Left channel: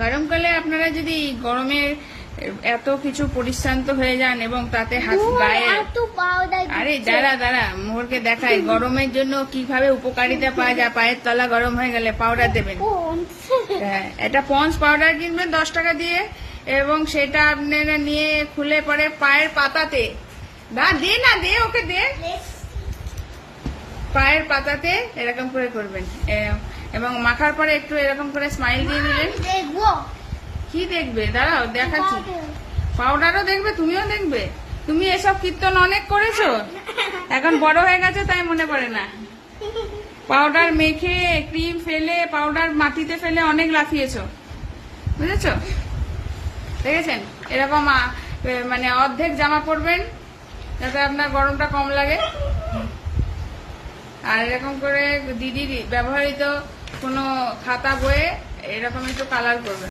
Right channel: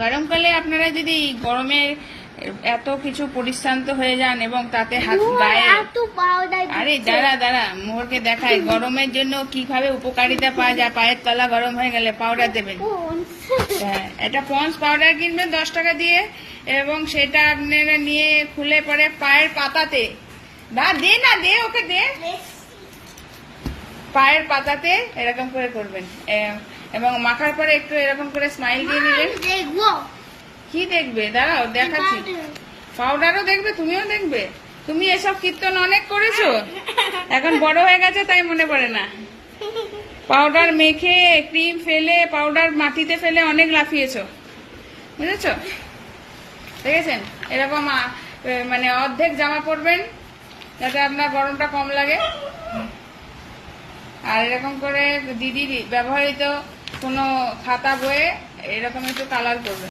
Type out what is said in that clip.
গরমকালে আপনারা যদি গরমের এত কিছু পরিশ্রান্ত হয়ে যান এবং তাতে হাত গায়ে আরে দাঁড়া মোহরকে দেখাই গরমের জন্য কিভাবে উপকারিতা পাওয়া যায়। পায়ের তলা গরম হয়ে গেলে পাউডার দেবেন। হ্যাঁ, এটা পন্স পাউডার কিনবেন 10 টাকা দিয়ে এবং সেটা আপনারা নিয়ে খুলে পরে পায়ের পাতাতে দে ওকে দে পায়ের পাতাতে এরকম করে করবেন এবং মাখার পরে একটু এরকম করে স্মাইল দিয়ে নিলেন। কি দেখবে? দাঁড়াও দেখাচ্ছি। পাউডারও দেখবে, তুমিও দেখবে। তুমি এসব কীর্তন অনেক করেছো, এখন বড় হয়ে গেছে তাই মনে পড়ে না। পাউডার মেখে ক্রিম ফেলে পাউডার মাটিতে ফেলে অনেক লাফিয়েছো, বুঝেছো? দেখেছেন? এরকম মানে অর্ধেক জামা পরবেন যাতে আপনার গরমটা কম লাগে। আর এরকম করে দিদির ব্যবহৃত কোনো খাতা বইয়ে এরকম একটু কালার করবেন।